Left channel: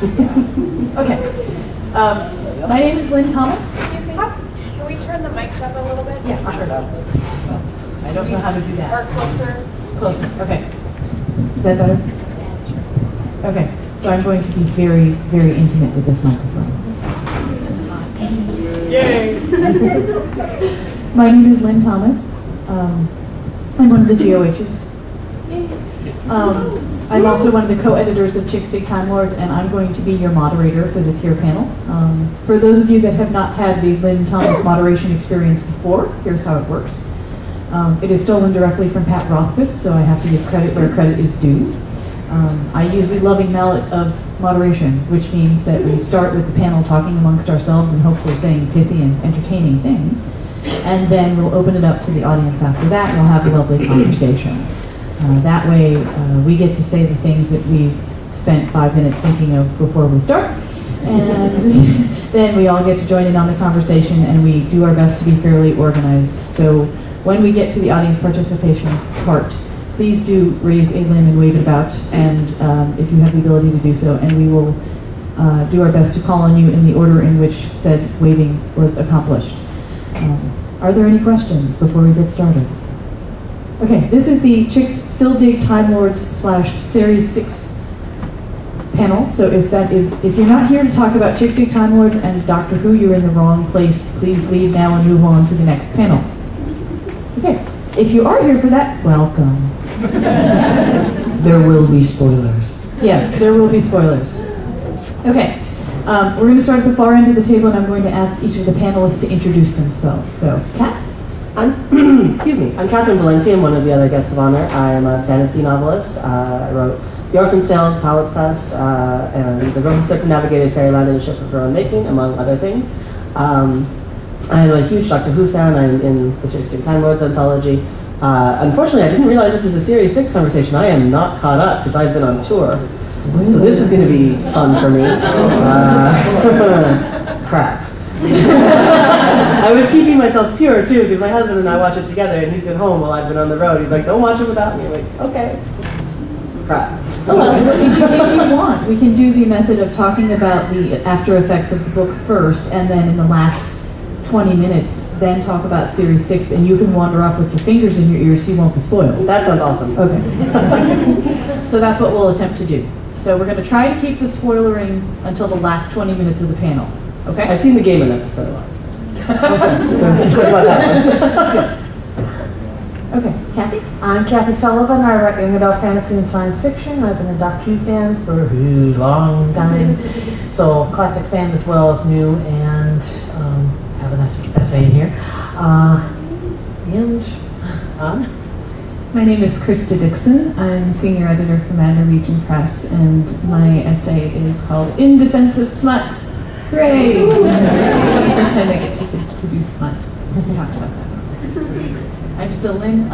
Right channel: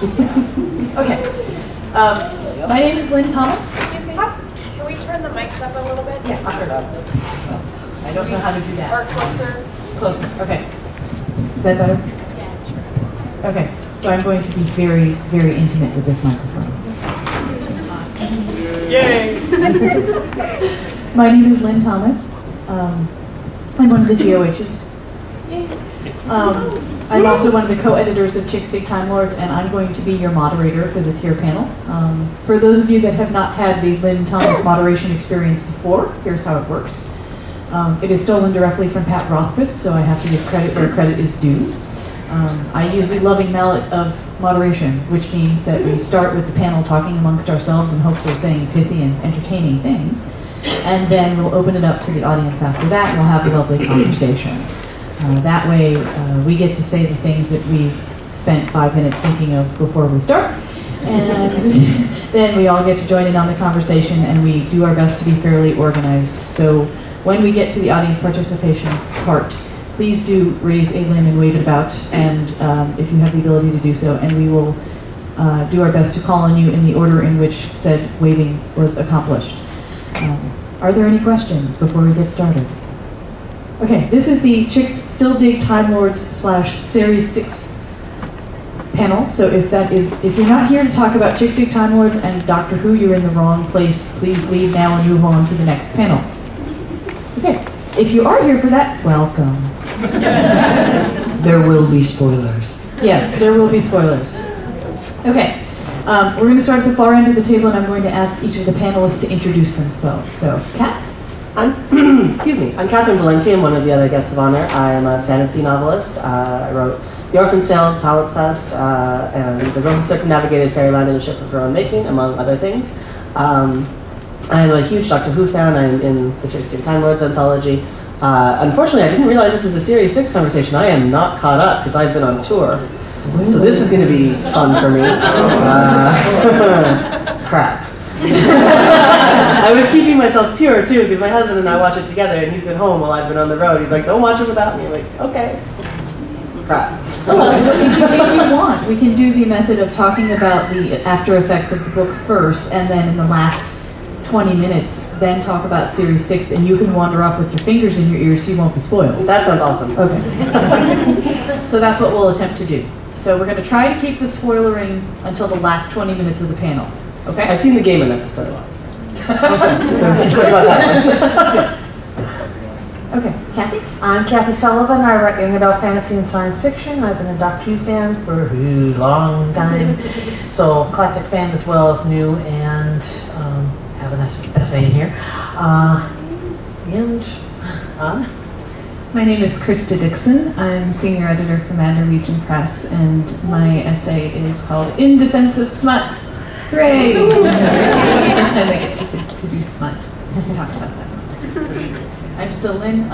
Okay. My name is Lynn Thomas. Excuse me. Can we turn the mics up a little bit? Yeah, sure. I don't know how to do that. Or closer? Closer. Okay. Is that better? Yes, sure. Okay. So I'm going to be very, very intimate with this microphone. Yay! My name is Lynn Thomas. I'm one of the GOHs. I'm also one of the co-editors of Chicks Dig Time Lords, and I'm going to be your moderator for this here panel. For those of you that have not had the Lynn Thomas moderation experience before, here's how it works. It is stolen directly from Pat Rothfuss, so I have to give credit where credit is due. I use the loving mallet of moderation, which means that we start with the panel talking amongst ourselves and hopefully saying pithy and entertaining things, and then we'll open it up to the audience after that, and we'll have a lovely conversation. That way, we get to say the things that we spent 5 minutes thinking of before we start, and then we all get to join in on the conversation, and we do our best to be fairly organized. So when we get to the audience participation part, please do raise a limb and wave it about, and if you have the ability to do so, and we will do our best to call on you in the order in which said waving was accomplished. Are there any questions before we get started? Okay, this is the Chicks Still Dig Time Lords / Series 6 panel. So if you're not here to talk about Chicks Dig Time Lords and Doctor Who, you're in the wrong place. Please leave now and move on to the next panel. Okay, if you are here for that, welcome. There will be spoilers. Yes, there will be spoilers. Okay, we're going to start at the far end of the table, and I'm going to ask each of the panelists to introduce themselves. So, Kat? Excuse me. I'm Catherine Valenti. I'm one of the other guests of honor. I am a fantasy novelist. I wrote The Orphan's Tales, Palimpsest, and The Girl Who Circumnavigated Fairyland in a Ship of Her Own Making, among other things. I'm a huge Doctor Who fan. I'm in the Chicks Dig Time Lords anthology. Unfortunately, I didn't realize this was a Series 6 conversation. I am not caught up because I've been on tour. So this is going to be fun for me. Crap. I was keeping myself pure too because my husband and I watch it together, and he's been home while I've been on the road. He's like, "Don't watch it without me." I'm like, "Okay." Crap. Well, if you want, we can do the method of talking about the after effects of the book first, and then in the last 20 minutes, then talk about Series 6, and you can wander off with your fingers in your ears so you won't be spoiled. That sounds awesome. Okay. So that's what we'll attempt to do. So we're going to try to keep the spoilering until the last 20 minutes of the panel. Okay? I've seen the game in episode 1. Okay. So let's talk about that one. Okay, Kathy? I'm Kathy Sullivan. I write young adult fantasy and science fiction. I've been a Doctor Who fan for a long time. So classic fan as well as new, and have an essay in here. My name is Krista Dixon. I'm senior editor for Manor Region Press, and my essay is called In Defense of Smut. Hooray! It's the first time I get to do smut. We talked about that. I'm still Lynn.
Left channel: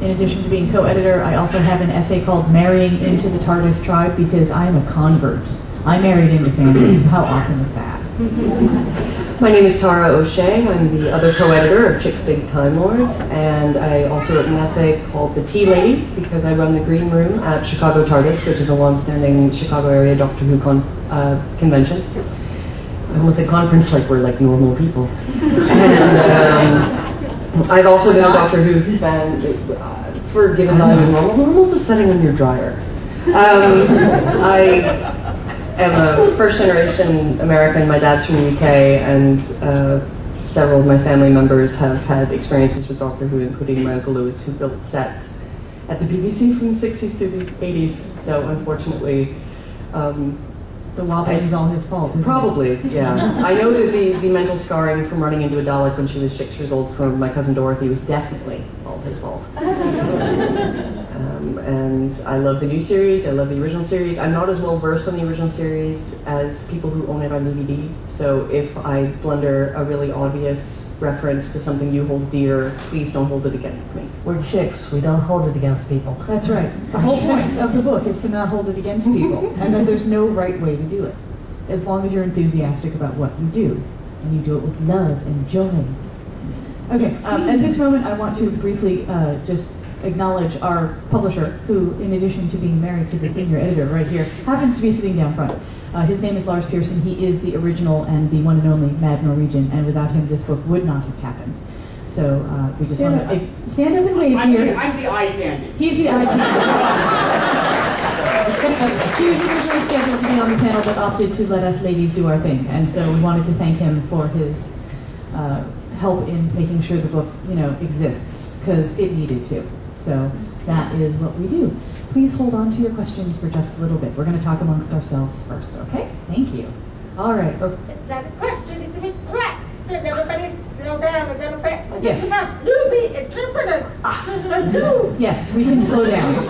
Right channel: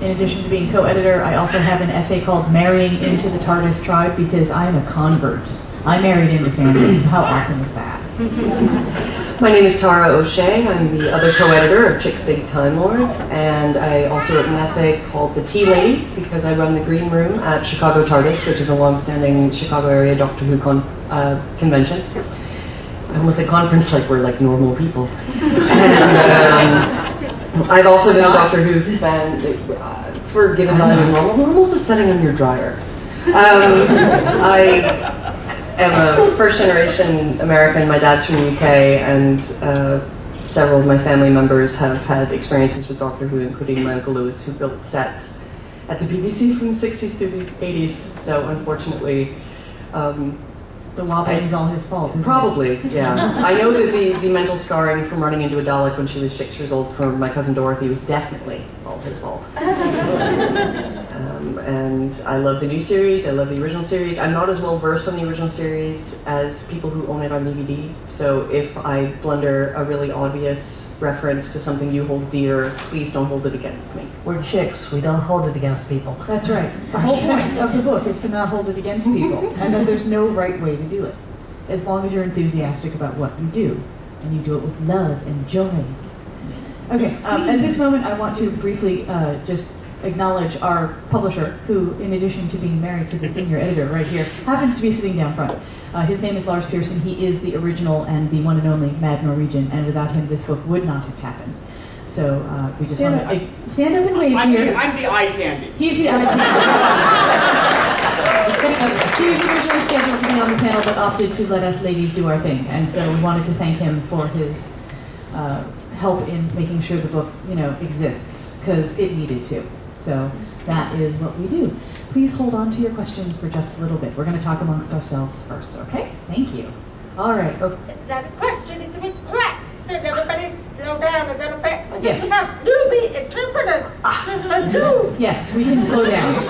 In addition to being co-editor, I also have an essay called Marrying into the TARDIS Tribe because I am a convert. I married into fandom, so how awesome is that? My name is Tara O'Shea. I'm the other co-editor of Chicks Dig Time Lords, and I also wrote an essay called The Tea Lady because I run the Green Room at Chicago TARDIS, which is a long-standing Chicago area Doctor Who convention. I almost said conference like we're like normal people. And, I've also been a Doctor Who fan. Forgiven that I'm normal. Normal's a setting on your dryer. I am a first-generation American. My dad's from the UK, and several of my family members have had experiences with Doctor Who, including my Uncle Lewis, who built sets at the BBC from the 60s to the 80s. So unfortunately, The wobbling is all his fault, isn't probably, yeah. I know that the mental scarring from running into a Dalek when she was 6 years old from my cousin Dorothy was definitely all his fault. And I love the new series, I love the original series. I'm not as well versed on the original series as people who own it on DVD, so if I blunder a really obvious reference to something you hold dear, please don't hold it against me. We're chicks. We don't hold it against people. That's right. The whole point of the book is to not hold it against people, and then there's no right way to do it, as long as you're enthusiastic about what you do, and you do it with love and joy. Okay, at this moment I want to briefly just acknowledge our publisher, who, in addition to being married to the senior editor right here, happens to be sitting down front. His name is Lars Pearson. He is the original and the one and only Mad Norwegian, and without him, this book would not have happened. So we just want to stand up and wave here. I'm the eye candy. He's the eye candy. He was originally scheduled to be on the panel, but opted to let us ladies do our thing, and so we wanted to thank him for his help in making sure the book, exists, because it needed to. So that is what we do. Please hold on to your questions for just a little bit. We're going to talk amongst ourselves first, okay? Thank you. All right. Oh. Now the question is to be correct. Can everybody slow down a little bit? Yes. Newbie interpreter. Yes, we can slow down.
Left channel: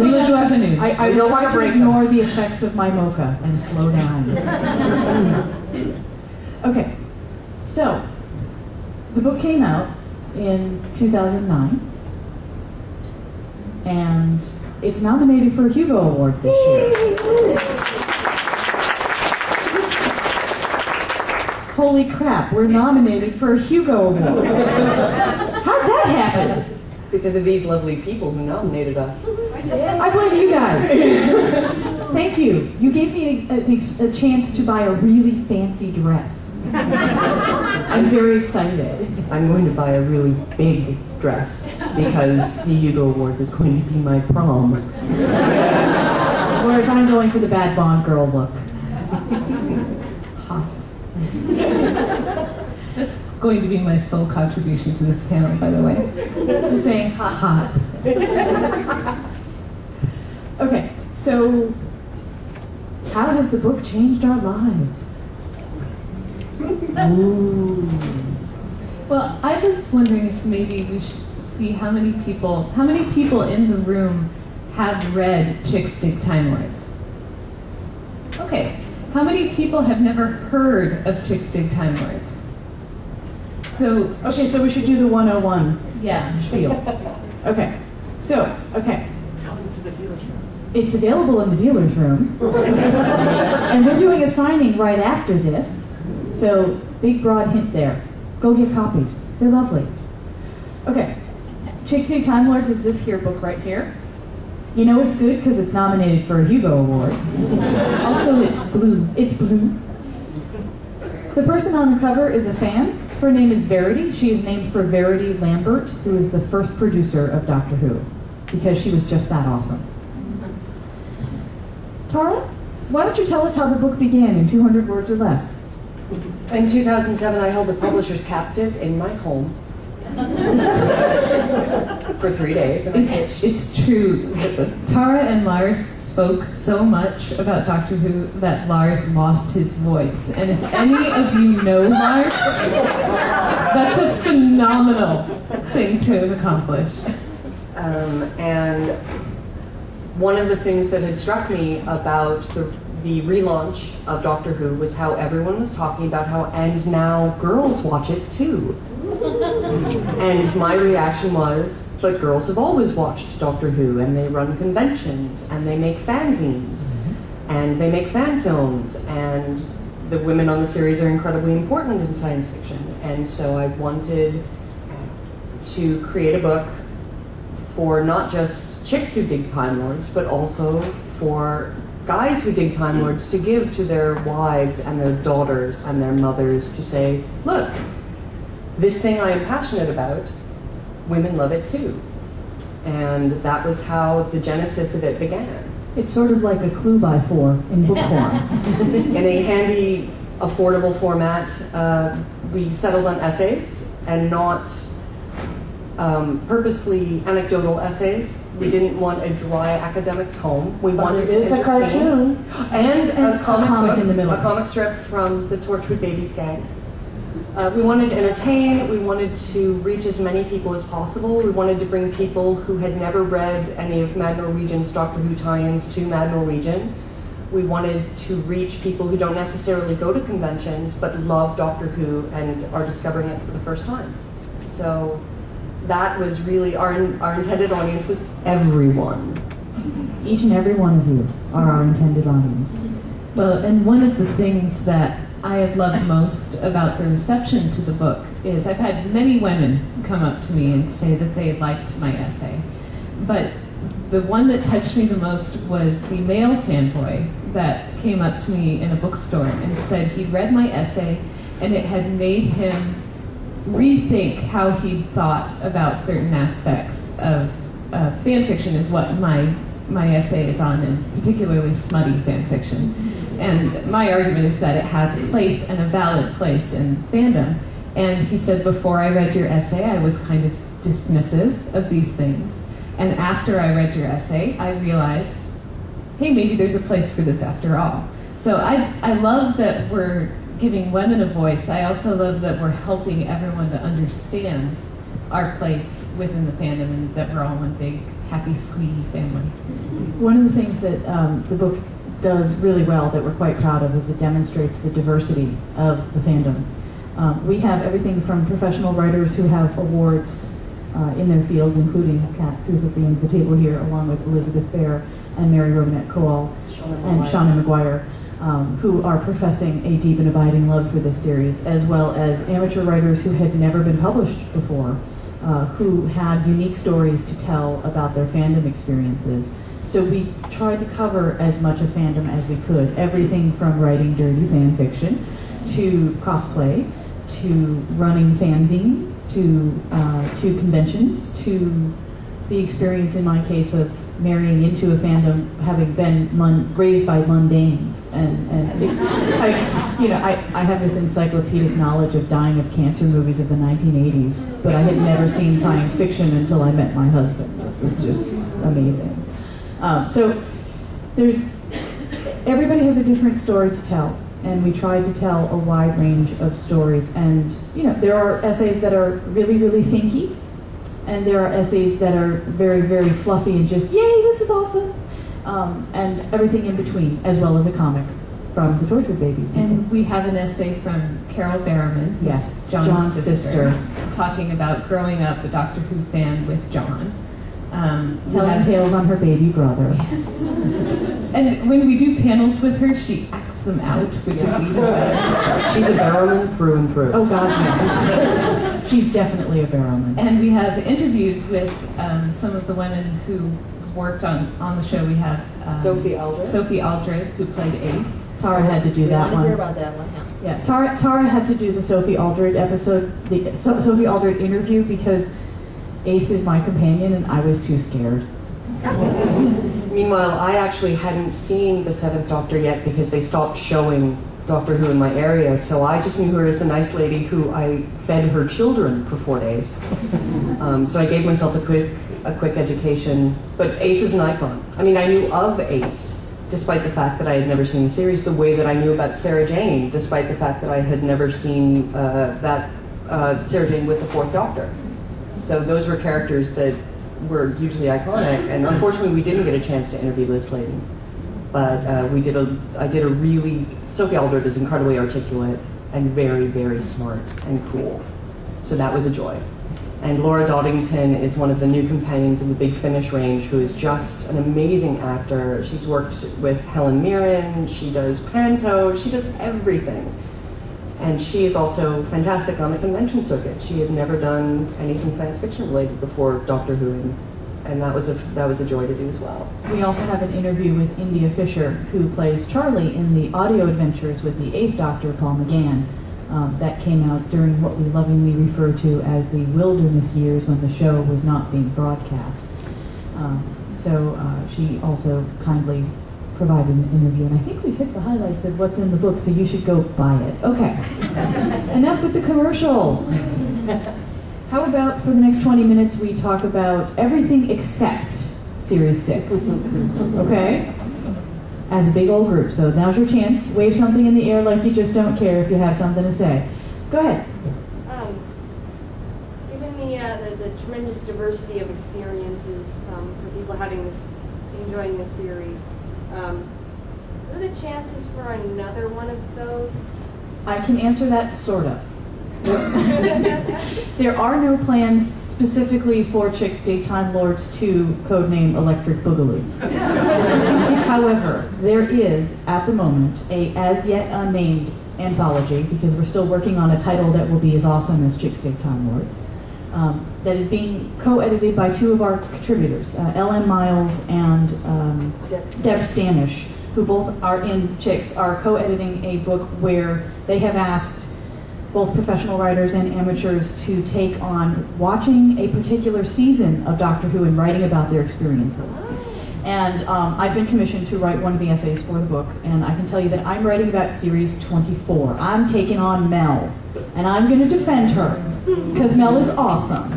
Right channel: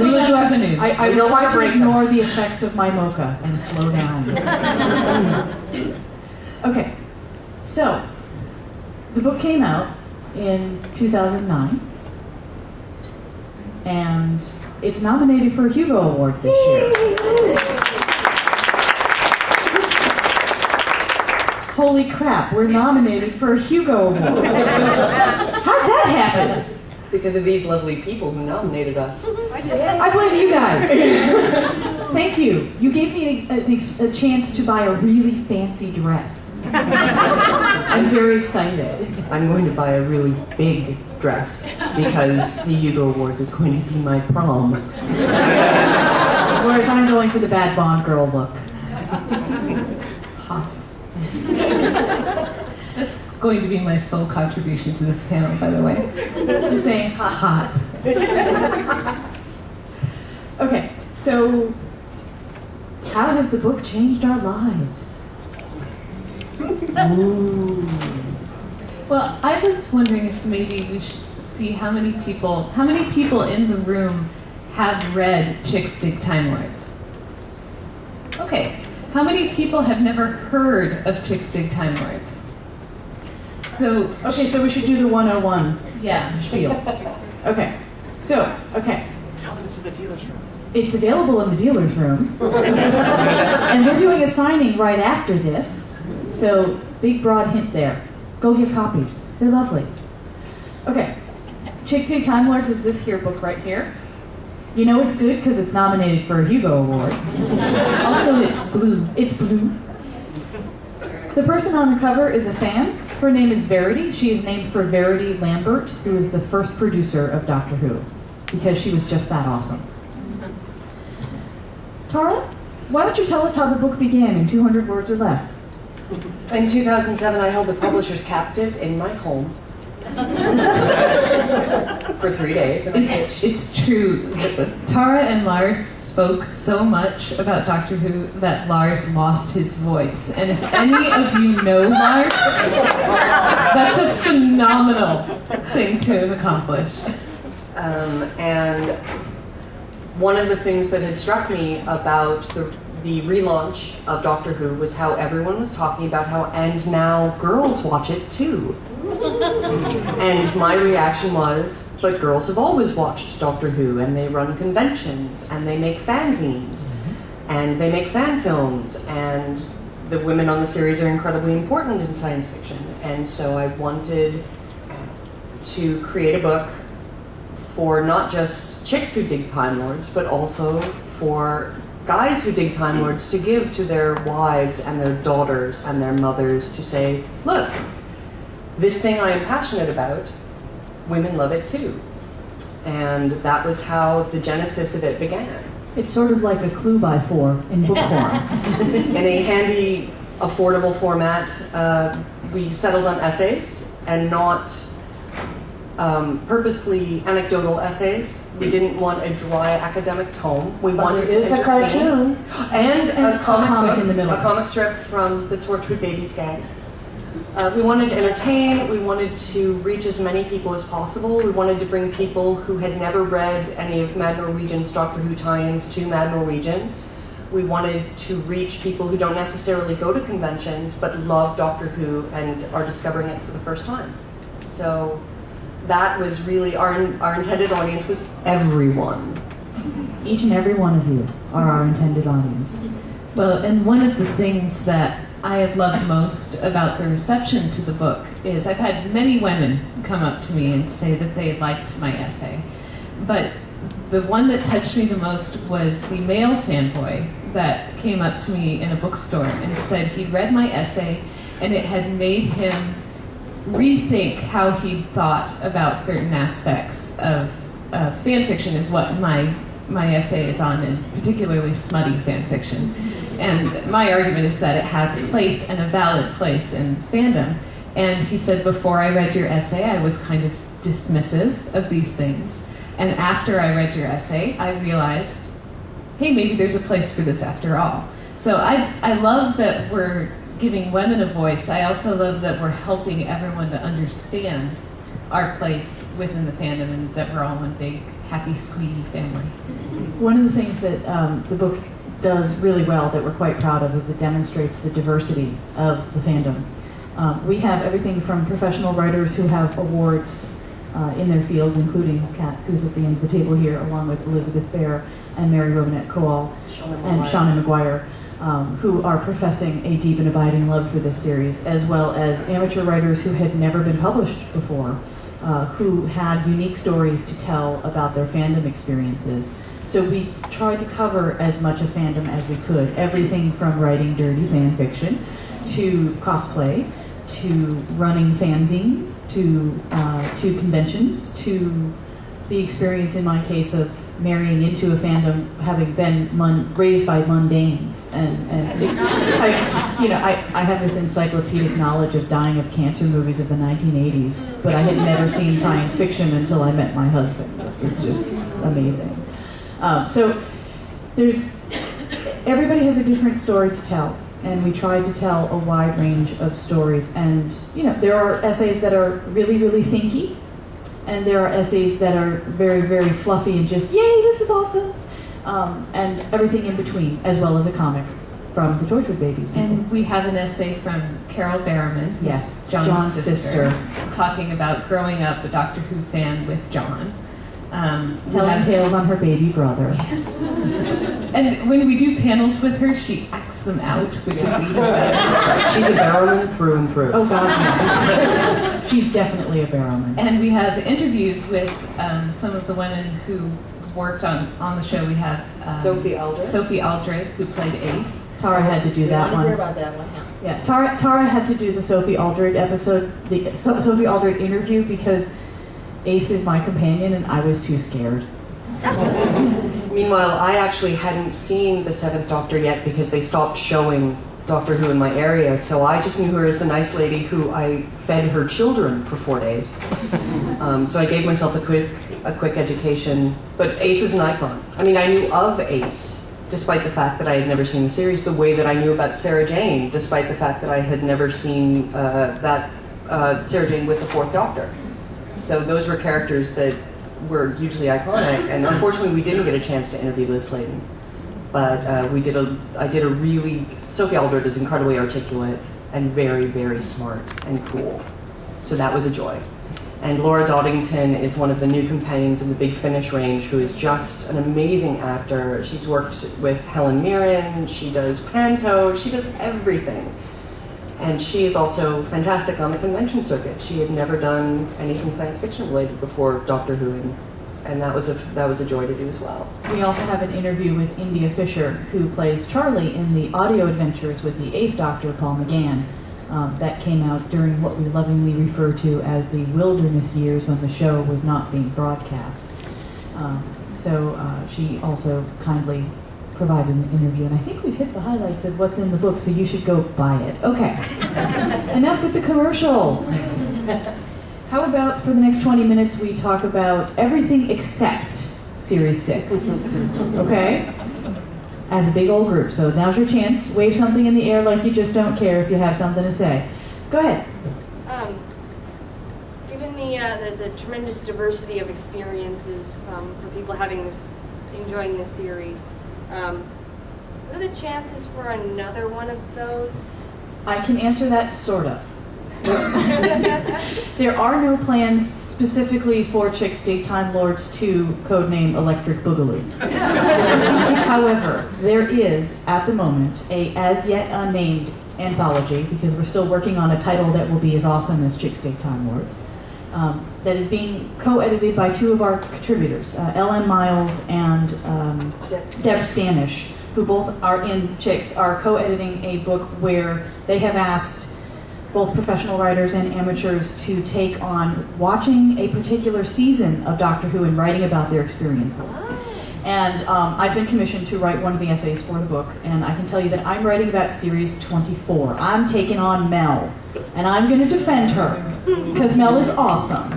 We will do afternoon. I will try to ignore the effects of my mocha and slow down. Okay, so the book came out in 2009, and it's nominated for a Hugo Award this year. Holy crap, we're nominated for a Hugo Award. How'd that happen? Because of these lovely people who nominated us. I blame you guys. Thank you. You gave me a chance to buy a really fancy dress. I'm very excited. I'm going to buy a really big dress because the Hugo Awards is going to be my prom. Whereas I'm going for the bad Bond girl look. Hot. That's going to be my sole contribution to this panel, by the way. Just saying, hot. Okay, so how has the book changed our lives? Ooh. Well, I was wondering if maybe we should see how many people in the room have read Chicks Dig Time Lords. Okay, how many people have never heard of Chicks Dig Time Lords? So we should do the 101 yeah. spiel. Okay, okay. Tell them it's in the dealer's room. It's available in the dealer's room. And we're doing a signing right after this. So, big broad hint there. Go get copies. They're lovely. Okay. Chicks Dig Time Lords is this here book right here. You know it's good because it's nominated for a Hugo Award. Also, it's blue. It's blue. The person on the cover is a fan. Her name is Verity. She is named for Verity Lambert, who is the first producer of Doctor Who, because she was just that awesome. Tara, why don't you tell us how the book began in 200 words or less? In 2007, I held the publishers captive in my home for 3 days. And It's true. Tara and Lars spoke so much about Doctor Who that Lars lost his voice. And if any of you know Lars, that's a phenomenal thing to have accomplished. And one of the things that had struck me about the relaunch of Doctor Who was how everyone was talking about how, and now girls watch it too. And my reaction was, but girls have always watched Doctor Who, and they run conventions, and they make fanzines, and they make fan films, and the women on the series are incredibly important in science fiction. And so I wanted to create a book for not just chicks who dig Time Lords, but also for guys who dig Time Lords to give to their wives and their daughters and their mothers to say, look, this thing I am passionate about, women love it too. And that was how the genesis of it began. It's sort of like a clue by 4 in book form. In a handy, affordable format, we settled on essays and not purposely anecdotal essays. We didn't want a dry academic tome. We wanted to It's a cartoon. and a comic book, in the middle. a comic strip from the Torchwood Babies gang. We wanted to entertain. We wanted to reach as many people as possible. We wanted to bring people who had never read any of Mad Norwegian's Doctor Who tie-ins to Mad Norwegian. We wanted to reach people who don't necessarily go to conventions but love Doctor Who and are discovering it for the first time. So that was really our intended audience was everyone. Each and every one of you are our intended audience. Well, and one of the things that I have loved most about the reception to the book is I've had many women come up to me and say that they liked my essay. But the one that touched me the most was the male fanboy that came up to me in a bookstore and said he'd read my essay and it had made him rethink how he thought about certain aspects of fan fiction, is what my essay is on, and particularly smutty fan fiction. And my argument is that it has a place, and a valid place, in fandom. And he said, before I read your essay, I was kind of dismissive of these things. And after I read your essay, I realized, hey, maybe there's a place for this after all. So I love that we're giving women a voice. I also love that we're helping everyone to understand our place within the fandom and that we're all one big, happy, squeaky family. One of the things that the book does really well that we're quite proud of is it demonstrates the diversity of the fandom. We have everything from professional writers who have awards in their fields, including Kat, who's at the end of the table here, along with Elizabeth Bear and Mary Robinette Coal and Shauna McGuire, who are professing a deep and abiding love for this series, as well as amateur writers who had never been published before, who had unique stories to tell about their fandom experiences. So we tried to cover as much of fandom as we could, everything from writing dirty fan fiction, to cosplay, to running fanzines, to conventions, to the experience in my case of marrying into a fandom, having been raised by mundanes, I have this encyclopedic knowledge of dying of cancer movies of the 1980s, but I had never seen science fiction until I met my husband. It was just amazing. So everybody has a different story to tell, and we tried to tell a wide range of stories. And there are essays that are really, really thinky, and there are essays that are very, very fluffy and just, yay, this is awesome, and everything in between, as well as a comic from the Tortured Babies people. And we have an essay from Carol Barrowman, who's Yes, John's sister, talking about growing up a Doctor Who fan with John. Telling tales on her baby brother. And when we do panels with her, she acts them out, which is even better. She's a Barrowman through and through. Oh God, yes. She's definitely a Barrowman. And we have interviews with some of the women who worked on the show. We have Sophie Aldred. Sophie Aldred, who played Ace. Tara had to do that one. hear about that one, Yeah, Tara had to do the Sophie Aldred episode, the Sophie Aldred interview, because Ace is my companion and I was too scared. Meanwhile, I actually hadn't seen the Seventh Doctor yet because they stopped showing Doctor Who in my area, so I just knew her as the nice lady who I fed her children for 4 days. So I gave myself a quick education, but Ace is an icon. I mean, I knew of Ace, despite the fact that I had never seen the series, the way that I knew about Sarah Jane, despite the fact that I had never seen Sarah Jane with the Fourth Doctor. So those were characters that were hugely iconic, and unfortunately we didn't get a chance to interview Liz Sladen. But Sophie Aldred is incredibly articulate and very, very smart and cool. So that was a joy. And Laura Doddington is one of the new companions in the Big Finish range, who is just an amazing actor. She's worked with Helen Mirren, she does panto, she does everything. And she is also fantastic on the convention circuit. She had never done anything science fiction related before Doctor Who, and that was a joy to do as well. We also have an interview with India Fisher, who plays Charlie in the audio adventures with the 8th Doctor, Paul McGann. That came out during what we lovingly refer to as the wilderness years when the show was not being broadcast. So she also kindly provided an interview, and I think we've hit the highlights of what's in the book, so you should go buy it. Okay, enough with the commercial. How about for the next 20 minutes we talk about everything except Series 6, okay? As a big old group, so now's your chance. Wave something in the air like you just don't care if you have something to say. Go ahead. Given the tremendous diversity of experiences for people enjoying this series, what are the chances for another one of those? I can answer that sort of. There are no plans specifically for Chicks Dig Time Lords to codename Electric Boogaloo. However, there is, at the moment, a as yet unnamed anthology, because we're still working on a title that will be as awesome as Chicks Dig Time Lords, that is being co-edited by two of our contributors, L.M. Miles and Deb Stanish, who both are in Chicks, are co-editing a book where they have asked both professional writers and amateurs to take on watching a particular season of Doctor Who and writing about their experiences. And I've been commissioned to write one of the essays for the book, and I can tell you that I'm writing about series 24. I'm taking on Mel, and I'm going to defend her, because Mel is awesome.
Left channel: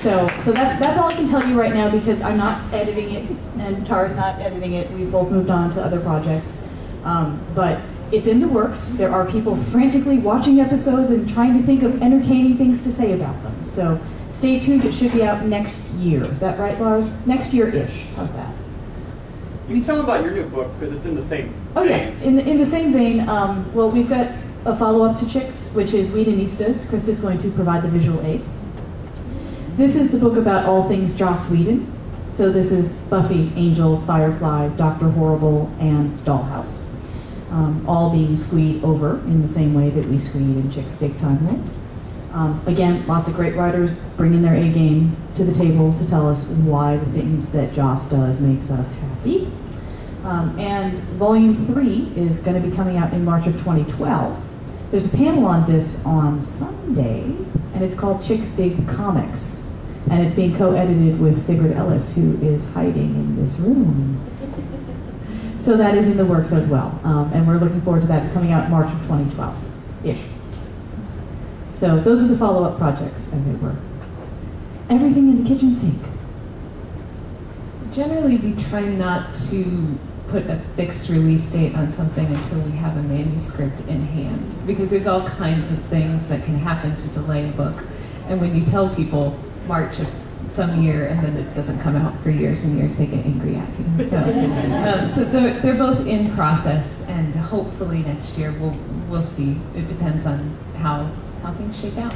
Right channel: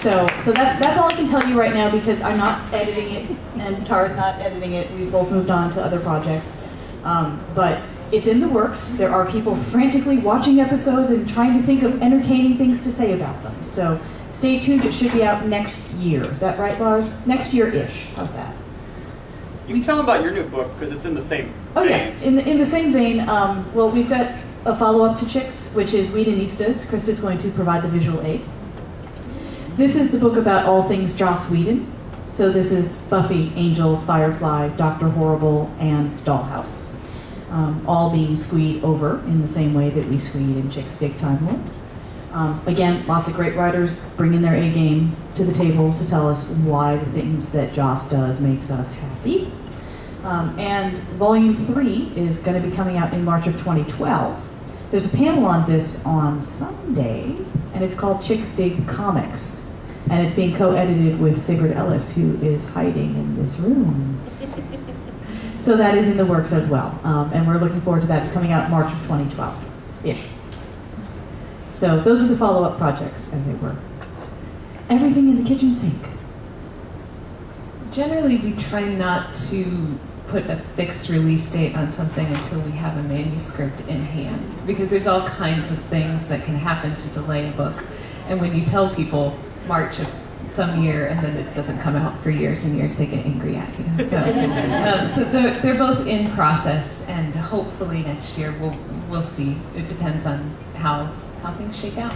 So that's all I can tell you right now, because I'm not editing it, and Tara's not editing it. We've both moved on to other projects. But it's in the works. There are people frantically watching episodes and trying to think of entertaining things to say about them. So stay tuned. It should be out next year. Is that right, Lars? Next year-ish. How's that? You can tell them about your new book because it's in the same Oh vein. yeah, in the same vein. Well, we've got a follow-up to Chicks, which is Whedonistas. Krista's going to provide the visual aid. This is the book about all things Joss Whedon. So this is Buffy, Angel, Firefly, Dr. Horrible, and Dollhouse. All being squeed over in the same way that we squeed in Chicks Dig Time Lords. Again, lots of great writers bringing their A game to the table to tell us why the things that Joss does makes us happy. And Volume 3 is going to be coming out in March of 2012. There's a panel on this on Sunday, and it's called Chicks Dig Comics. And it's being co-edited with Sigrid Ellis, who is hiding in this room. So that is in the works as well. And we're looking forward to that. It's coming out March of 2012-ish. So those are the follow-up projects, as it were. Everything in the kitchen sink. Generally, we try not to put a fixed release date on something until we have a manuscript in hand, because there's all kinds of things that can happen to delay a book. And when you tell people March of some year and then it doesn't come out for years and years, they get angry at you. So they're both in process, and hopefully next year we'll see. It depends on how things shake out.